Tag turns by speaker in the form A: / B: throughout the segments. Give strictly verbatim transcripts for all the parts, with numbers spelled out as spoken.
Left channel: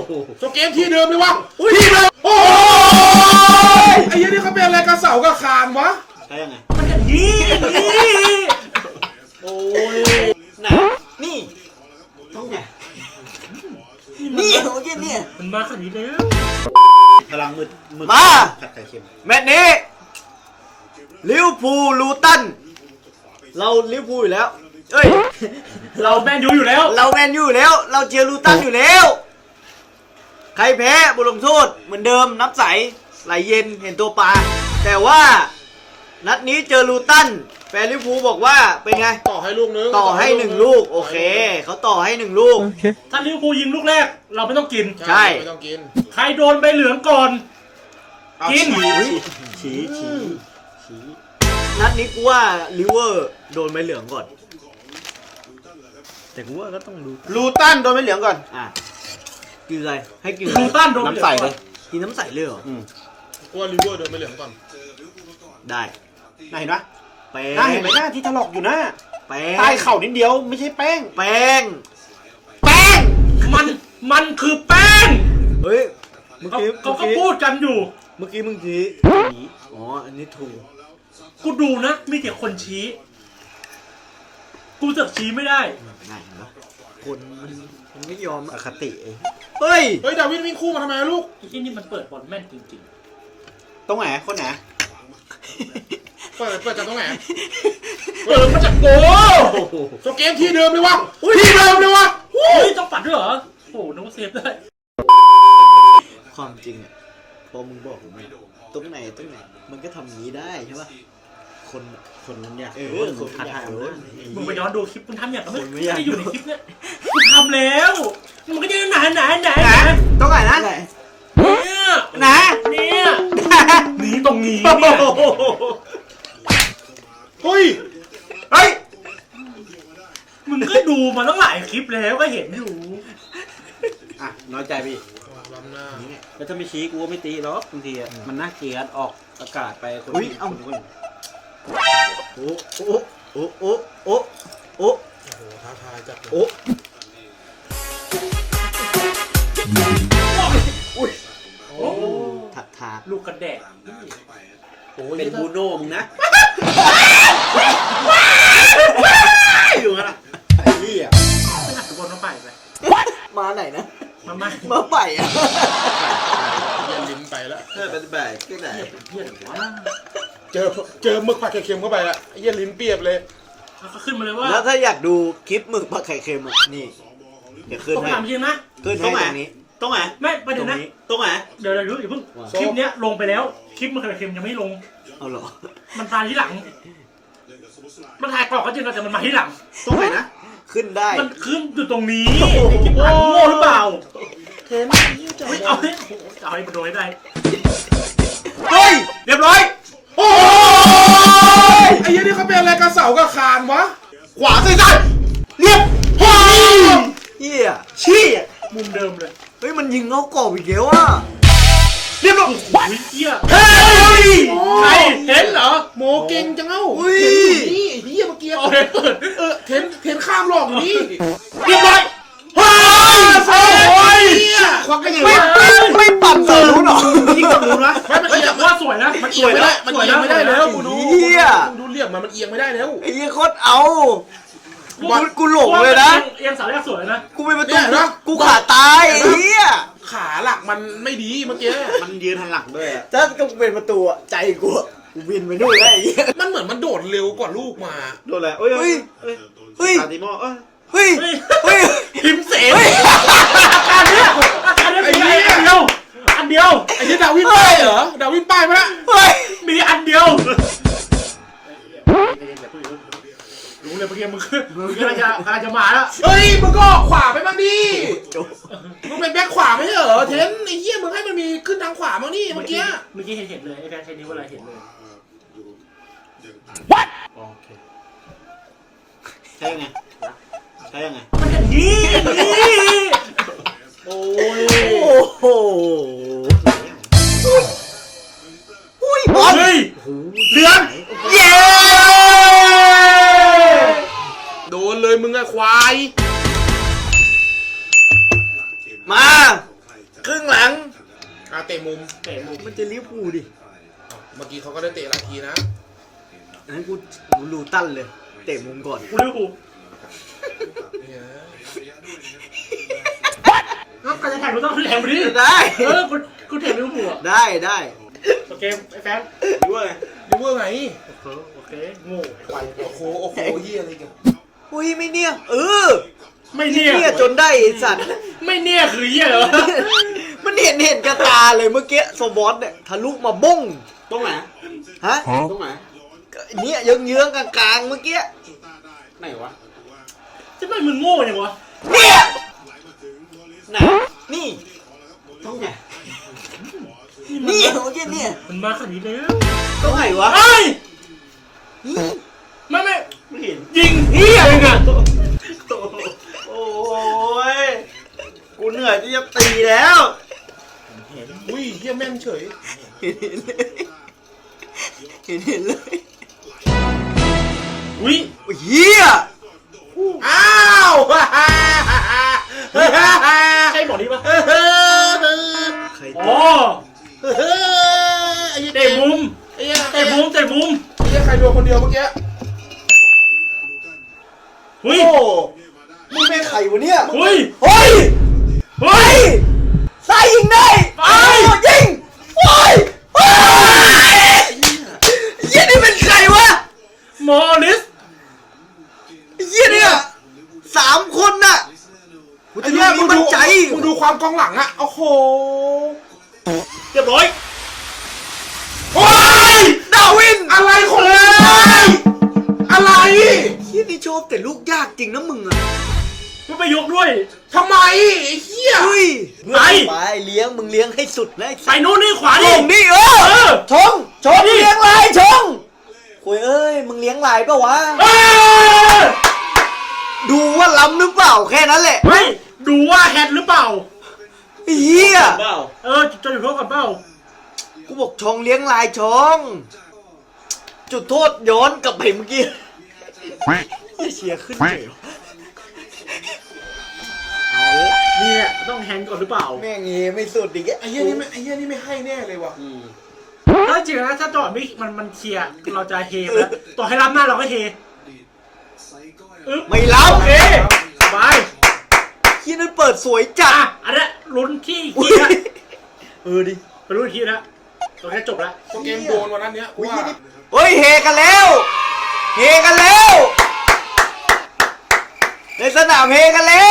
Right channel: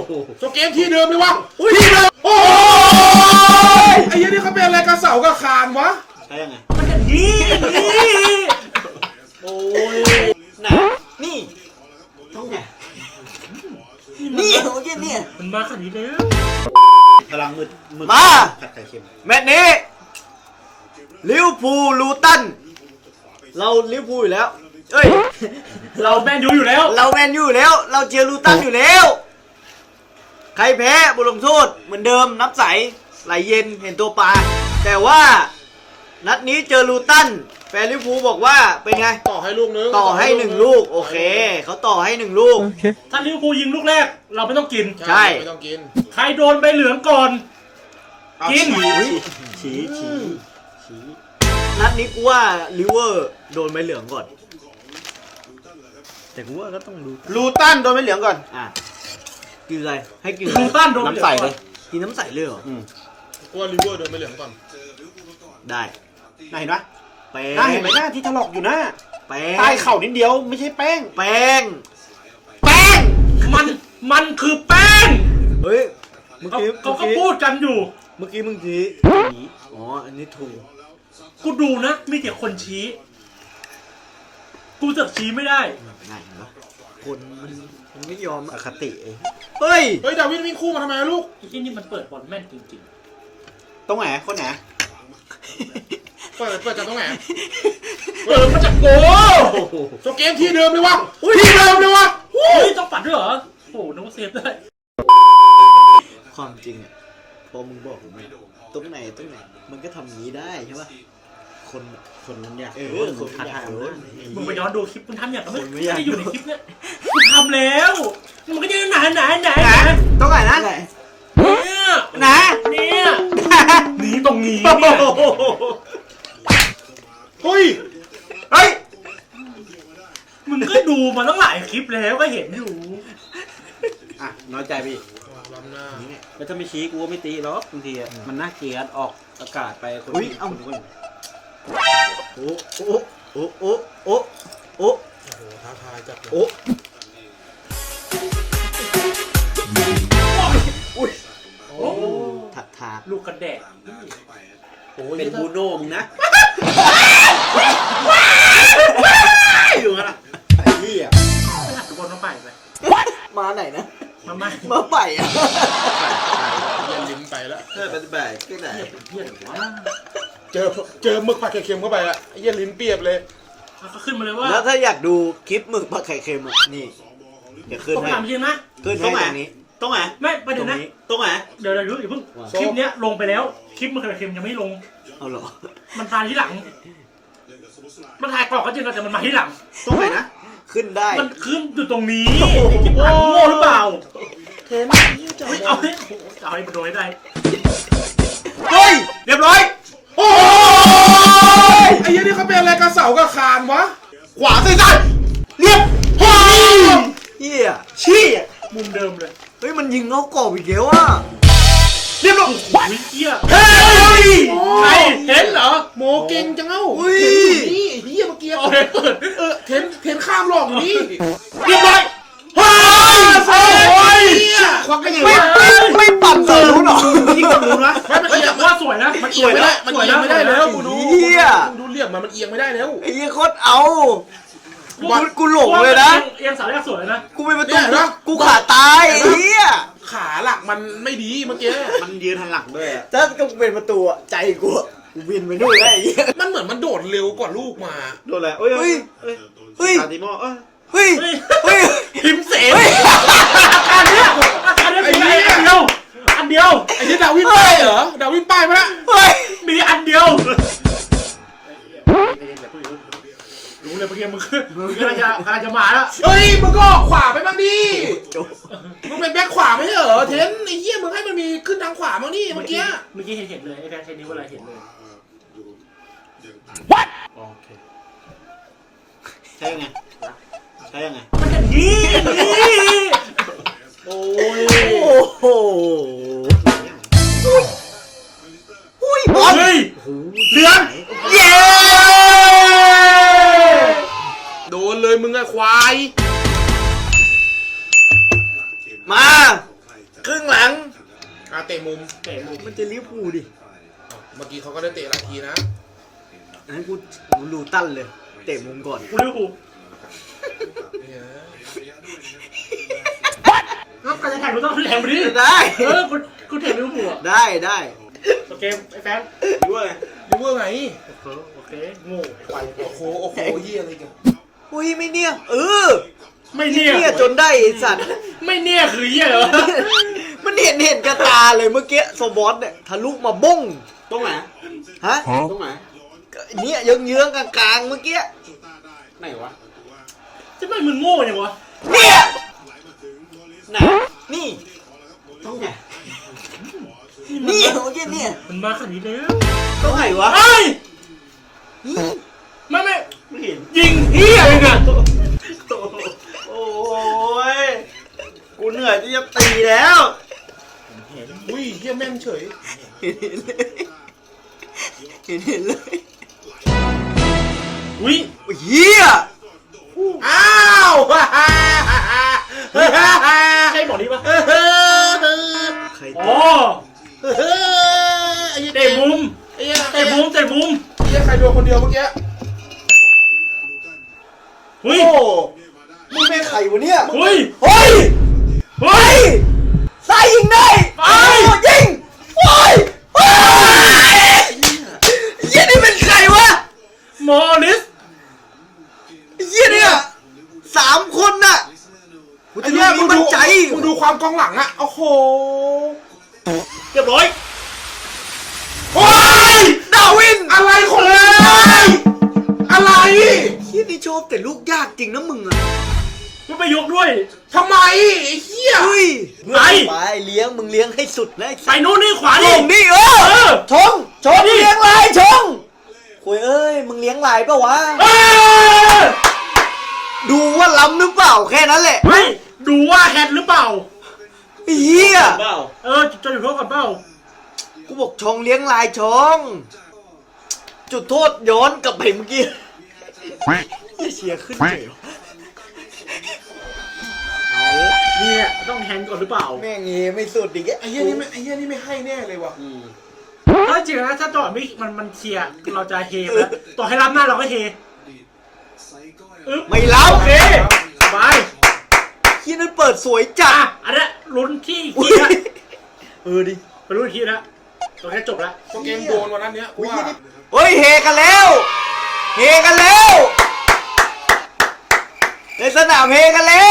A: โชว์เกมที่เดิมไหมวะที่เดิมโอ้ยไอ้ยี่นี่เขาเป็นอะไรกระเสากับคานวะ
B: ใช่ยังไงนี่นี่โอ้ยหนานี่ต้องหนานี่โอเคนี่มันมาขนาดนี้แล้วพลังมืดมืดมาผัดไข่เค็ม
C: แมตช์นี้ลิเวอร์พูลลูตันเราลิเวอร์พูลอยู่แล้วเอ้ย
B: เราแมนยูอยู่แล้ว
C: เราแมนยูอยู่แล้วเราเชียร์ลูตันอยู่แล้วใครแพ้บทลงโทษเหมือนเดิมน้ำใสไหลเย็นเห็นตัวปลาแต่ว่านัดนี้เจอลูตันแฟนลิเวอร์พูลบอกว่าเป็นไง
A: ต่อให้ลูกนึง
C: ต่อให้หนึ่งลูกโอเคเขาต่อให้หนึ่งลูก
B: ถ้าลิเวอร์พูลยิงลูกแรกเราไม่ต้องกิน
C: ใช่
A: ไม่ต้องกิน
B: ใครโดนใบเหลืองก่อนกิน
C: ชี้ชี้ชี้นัดนี้กูว่าลิเวอร์โดนใบเหลืองก่อนแต่กูว่าก็ต้องดู
A: ลูตันโดนใบเหลืองก่อน
C: อ่ะกินอะไรให้กิน
B: ลูตันโดน
C: น้ำใสเลยกินน้ำใสเลยเหรอ
A: อืมกูว่าลิเวอร์โดนใบเหลืองก่อน
C: ได้
A: ไหนนะ
C: แป้ง
A: น่าเห็นไหมหน้าที่ถลอกอยู่นะ
C: แป้ง
A: ใต้เข่านิดเดียวไม่ใช่แป้ง
C: แป้ง
B: แป้งมันมันคือแป้ง
C: เฮ้ยเมื่อกี้
B: เขาก็พูดกันอยู่
C: เมื่อกี้มึงชี้อ๋ออันนี้ถูก
B: กูดูนะมีแต่คนชี้กูจะชี้ไม่ได้
C: ง่ายนะคนมันมันไม่ยอมอคติเองเฮ้ย
A: เฮ้ยดาวิดวิ่งคู่มาทำไมลูก
B: ที่นี่มันเปิดบอลแม่นจริง
A: ๆตรงไหนคนไหนเปิดเปิดจากตรงไหน
C: เปิดมาจากโก
A: โชว์เกมที่เดิมไหมวะที่เดิมเลยวะ
B: เฮ้ยต้องปัดด้วยเหรอโอ้โหน้องเซฟได้
C: ความจริงอ่ะพอมึงบอกผมไม่ตรงไหนตรงไหนมันก็ทำอย่างนี้ได้ใช่ป่ะคนคนนั้นอยากเออคนทันเออ
B: มึงไปย้อนดูคลิปคุณทันเนี่ยก็ไม่ไม่อยู่ในคลิปเนี่ยกูทำแล้วมันก็จะไหนไหนไหน
A: ตรงไหนนะ
B: เนี่ยนะเนี่ยนี่ตรงนี้
A: เฮ้ยเฮ้ย
B: มึงก็ดูมาตั้งหลายคลิปแล้วก็เห็นอยู่
A: อ่ะน้อยใจพี่แล้วถ้าไม่ชี้กูไม่ตีหรอกบางทีมันน่าเกลียดออกอากาศไปคน
C: อุ้ยเอ้าโอ้โอ้โอ้โอ้โอ้โอ้
A: โหท้าทายจัด
C: โอ้อุ้ยโอ้ถักถาก
B: ลูกกระแดก
A: โอ้เป็นบูโน่มึงนะอยู่นะไอ้นี่อ่ะ
B: ทุกคนต้องไปไป
C: มาไหนนะ
B: มาไม่
C: มาไปอ่ะ
A: ยิ้มไปแล้ว
C: เออเป็นแบบที่ไหน
B: เพื่อนวะ
A: เจอเจอหมึกผัดไข่เค็มเข้าไปอ่ะไอ้ยี่ลิ้นเปียบเลย
B: เขาขึ้นมาเลยว่า
C: แล้วถ้าอยากดูคลิปหมึกผัดไข่เค็มอ่ะนี่อย่าขึ้น
B: ต้องถามจริงนะ
C: ขึ้นตรงไหนนี้
B: ตรงไหนไม่ประเด็นนะ
C: ตรงไหน
B: เดี๋ยวเราดูอย่าเพิ่งคลิปเนี้ยลงไปแล้วคลิปหมึกผัดไข่เค็มยังไม่ลง
C: เอาหรอ
B: มันมาที่หลังมันถ่ายกรอกก็จริงแต่มันมาที่หลัง
C: ตรงไหนนะขึ้นได้
B: มันขึ้นอยู่ตรงนี้โอ้โง่หรือเปล่า
A: เทน
B: เอาให้เอาให้มันโดนให้ได้
A: เฮ้ยเรียบร้อยโอ้ยไอ้ยี่นี่เขาเป็นอะไรกระเสากับคานวะขวาไม่ได้เรียบโอ้ย
C: เฮีย
B: ชี้มุมเดิมเลย
C: เฮ้ยมันยิงนอกกรอบอีกแล้วอ่ะ
B: เรียบร้อยขวาเฮียเฮ้ยเห็นเหรอโมเก่งจังเอ้าเห็นอยู่นี่เฮียเมื่อกี้เออเห็นเห็นข้ามหลอกอยู่นี่เรียบร้อยเฮ้ยเฮ้ยความกระดิ่งไม่ตัดเซลล์หรอยิ่งกว่ารู้นะไม่มันเอียงว่าสวยนะมันเอียงไม่ได้มันเอียงไม่ได้แล้วกูดูดูเหลี่ยมมันมันเอียงไม่ได้แล้ว
C: ไอ้โคตรเอากูหลงเลยนะ
B: เอียงสาวแรกสวยนะ
C: กูไม่ประตูกูขาตายไอ้เหี้ย
A: ขาหลักมันไม่ดีเมื่อกี้
C: มันยืนหันหลังด้วยถ้ากูเป็นประตูใจกูกูวินไปด้วยไอ้เหี้ย
A: มันเหมือนมันโดดเร็วกว่าลูกมา
C: โดดแหละเฮ้ยเฮ้ยเฮ้ย
A: ติโม่เอ้ย
C: เฮ้ยเฮ้ย
B: พิมเสนอันนี้อันนี้อันเดียวอันเดียว
A: ไอ้ที่ดาวินป้ายเหรอดาวินป้ายมา
B: เฮ้ยมีอันเดียวรู้เลยเมื่อกี้มึงมึงกำลังจะกำลังจะมาแล้ว
A: เฮ้ยมึงก็ขวาไปบ้างดิมึงเป็นแบ็คขวาไม่ใช่เหรอเทนไอ้เหี้ยมึงให้มันมีขึ้นทางขวาบ้างนี่เมื่อกี้
B: เมื่อกี้เห็นเห็นเลยไอ้แฟนเทนนี้เวลาเห็นเลย
C: What
B: โอเค
C: ใช่ไงใช่ไง
B: นี่โอ้ย
C: โอ้โห
A: อุ้ยบอลเดือนเย้โดนเลยมึงอะควาย
C: มา
A: เตะมุม
B: เตะมุม
C: มันจะลิเวอร์พูลดิ
A: เมื่อกี้เขาก็ได้เตะหลายทีนะ
C: อันนั้นกูลูตันเลย เตะมุมก่อน
B: กูรู้กูแล้วการจะแข่งกูต้องแข่งไปดิ
C: ได้
B: เออกูกูแข่งลิเวอร์พูล
C: ได้ได้
B: โอเคไอ้แฟน
C: ด้วย
A: ยูเวอร์ไง
B: โอเคโอเคโง่ไอ้ควาย
A: โอ้โหโอ้โหเยี่ยอะไรกัน
C: อุ้ยไม่เนี่ยเออ
B: ไม่เนี่ย
C: เนี่ยจนได้ไอ้สัตว์
B: ไม่เนี่ยคือเหี้ยเหรอ
C: มันเห็นเห็นกระตาเลยเมื่อกี้โซบอสเนี่ยทะลุมาบุ้ง
B: ตรงไหน
C: ฮะ
B: ตรงไหน
C: เนี่ยเยื้องๆกลางๆเมื่อกี้
B: ไหนวะจะไม่มึงโง่ยังวะ
C: เนี่ยไหนนี่
B: ต้องไหน
C: นี่เมื่อกี้เนี่ย
B: มันมาขนาดนี้แล้ว
C: ต้องไหนวะ
B: ไอ้ไม่ไม่ไม่เห็นยิงเหี้ยเลยนะ
C: โอ้ยกูเหนื่อยที่จะตีแล้ว
A: อุ้ยเยี่ยแม่นเฉย
C: เห็นเห็นเลย
B: อุ้ย
C: เฮีย
A: อ้าว
B: ใครบอกนี่ปะ
C: ใคร
B: โอ้เตะมุมเตะมุมเตะมุม
A: เยี่ยใครโดนคนเดียวเมื่อกี้
B: อุ้ย
C: โอ้นี่แม่ไข่วะเนี่ย
B: อุ้ย
C: เฮ้ย
B: เฮ้ย
C: ใส่ยิงได้
B: ไอ้
C: ยิงโอ้ยโอ้ยเฮียนี่เป็นใครวะ
B: มอริส
C: เฮียเนี่ยสามคนน่ะกูจะมีมั่นใจ
A: มึงดูความกองหลังอะโอ้โห
B: เรียบร้อย
A: โอ้ยดาวินอะไรของมึงอะไร
C: เฮียนี่ชอบแต่ลูกยากจริงนะมึงอะ
B: มันไปยกด้วย
A: ทำไมไอ้เหี้ย
C: เฮ้ย
B: ไป
C: ไปเลี้ยงมึงเลี้ยงให้สุดเลย
B: ใส่โน่นนี่ขวา
C: ช
B: ดิ
C: งนี่เออชงชงเลี้ยงลายชงโอ้ยเอ้ยมึงเลี้ยงลายปะวะ
B: เอ้ย
C: ดูว่าล้ำหรือเปล่าแค่นั้นแหละ
B: เฮ้ยดูว่าแฮนด์หรือเปล่า
C: เฮีย
B: เออจะอยู่พร้อมกับเปล่า
C: กูบอกชงเลี้ยงลายชงจุดโทษย้อนกลับไปเมื่อกี้เชียร์ขึ้นเลย
B: นี่แหละต้องแฮนด์ก่อนหรือเปล่า
C: แม่งเงี้ไม่สุดดิแก
A: ไอ้เหี้ยนี่ไม่ไอ้เหี้ยนี่ไม่ให้แน่เลยว่ะ
B: ถ้าจริงนะถ้าจอดไม่มันมันเคลียร์เราจะเฮแล้วต่อให้รับหน้าเราก็เฮอึ๊บ
C: ไม่รับ
B: โอเคสบาย
C: ที่นั่นเปิดสวยจั
B: อ่ะ
C: ด
B: อันเนี้ยลุ้นที่อีกทีนะ
C: เออดิ
B: ไปลุ้นอีกทีนะตอนนี้จบแล้ว
A: พอเกมโดนวันนั้นเนี้ยกูว่า
C: เฮ้ยเฮกันแล้วเฮกันแล้วในสนามเฮกันแล้ว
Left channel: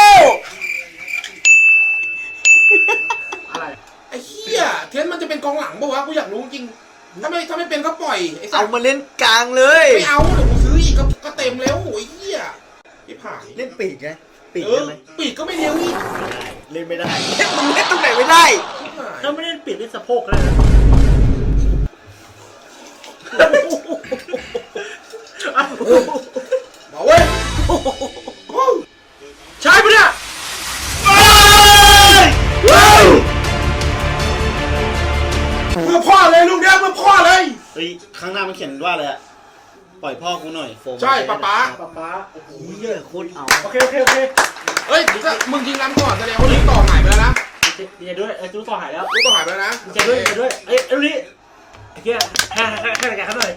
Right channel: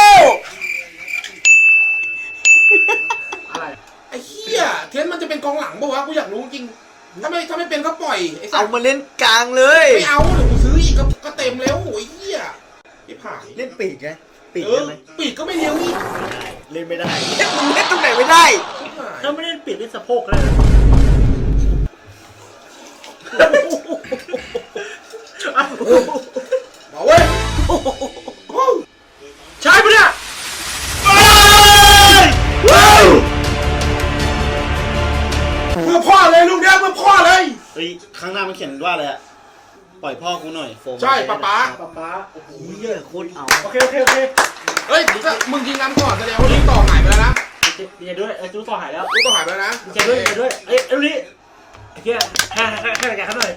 A: ไอ้เหี้ยเทนมันจะเป็นกองหลังปะวะกูอยากรู้จริงถ้าไม่ถ้าไม่เป็นก็ปล่อยไอ้สั
C: เอา
A: ตว์
C: มาเล่นกลางเลย
A: ไม่เอาซื้ออีกก็ก็เต็มแล้วโอ้ยเหี้ยที่ผ่าน
C: เล่นปีกไงปีก
A: เอ
C: ได้
A: อ
C: ไหม
A: ปีกก็ไม่เลี้ยงอีก
C: เล่นไม่ได้อยากเล่นตำแหน่งไม่ได้
B: ถ้าไม่ได้ปิดได้สะโพกแล้ว
A: มาเว้ยใช่ปะเนี่ยเพื่อพ่อเลยลูกเนี้ยเพื่อพ่อเลย
D: เฮ้ยข้างหน้ามันเขียนว่าอะไรอะปล่อยพ่อกูหน่อยโฟม
A: ใช่ป๊าป๊า
B: ป๊าป๊า
C: โอ้ยเหี้ยโคตรเอา
B: โอเคโอเคโอเค
A: เฮ้ยก็มึงยิงรันก่อนแสดงว่าเรื่องต่อหายไปแล้วนะ
B: ดีใจด้วยเออจู้ต่อหายแล้ว
A: เรื่องต่อหายไปแล้วนะ
B: ดีใจด้วยดีใจด้วยเอ้ยเอ้ยนี่ไอ้เหี้ยแค่แค่แค่แค่หน่อย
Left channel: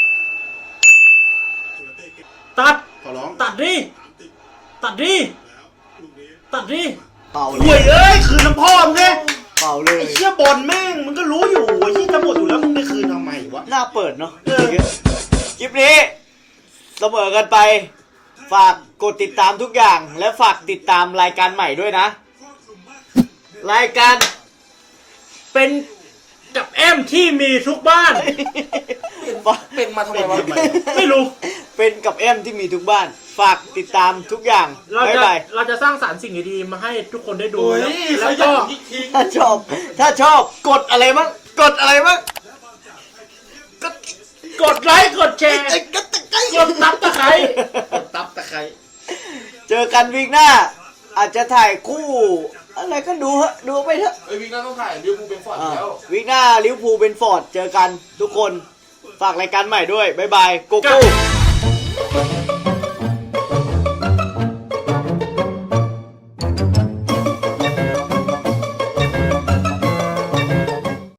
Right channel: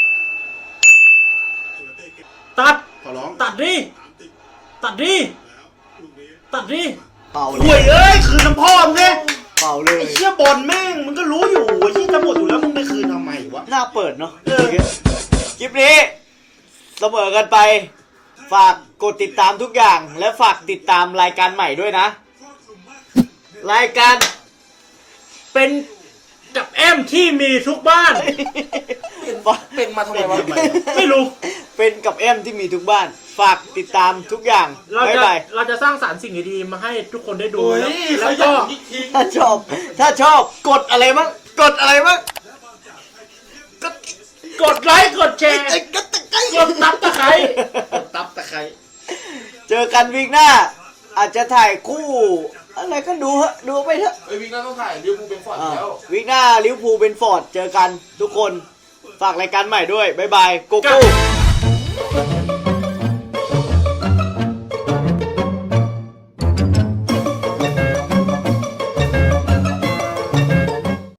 B: ตัด
A: ขอร้อง
B: ตัดดิตัดดิตัดดิ
C: เป่าเล
D: ห่วย
C: ย
D: เอ้ยคืนน้ำพ่อมึงไง
C: เป่าเลย
D: ไอ้เชี่ยบอลแม่งมึงก็รู้อยู่ไอ้เชี่ยจะหมดอยู่แล้วมึงไปคืนทำไมวะ
C: หน้าเปิดเนาะคลิปนี้เสมอกันไป ฝากกดติดตามทุกอย่าง และฝากติดตามรายการใหม่ด้วยนะ รายการ
B: เป็นกับแอมที่มีทุกบ้าน
A: เป็นมาทำไมวะ
B: ไม่รู้
C: เป็นกับแอมที่มีทุกบ้าน ฝากติดตามทุกอย่าง
B: เรา
C: บ๊าย
B: จะ
C: บาย
B: เราจะสร้างสรรค์สิ่งดีๆมาให้ทุกคนได้ดู
A: โอ้ย
B: แล้
A: เขา
B: ว
A: อยา
B: ก็
A: กยิง
C: ถ้าชอบ ถ้าชอบ กดอะไรมั้งกดอะไรมั้งกด
B: กดไลค์กดแชร์
C: กดตะไคร้
B: กดตับตะไคร้
D: ตับตะไคร้
C: เจอกันวีคหน้า อาจจะถ่ายคู่ อะไรก็ดูเถอะดูไปเถอะ
A: ไอ้วิกน่าต้องถ่ายเดี๋ยวกูเป็นฟอร์ด
C: อ่า
A: แล้ว
C: วีคหน้าลิเวอร์พูลเป็นฟอร์ด เจอกันทุกคน ฝากรายการใหม่ด้วย บ๊ายบาย โกโก้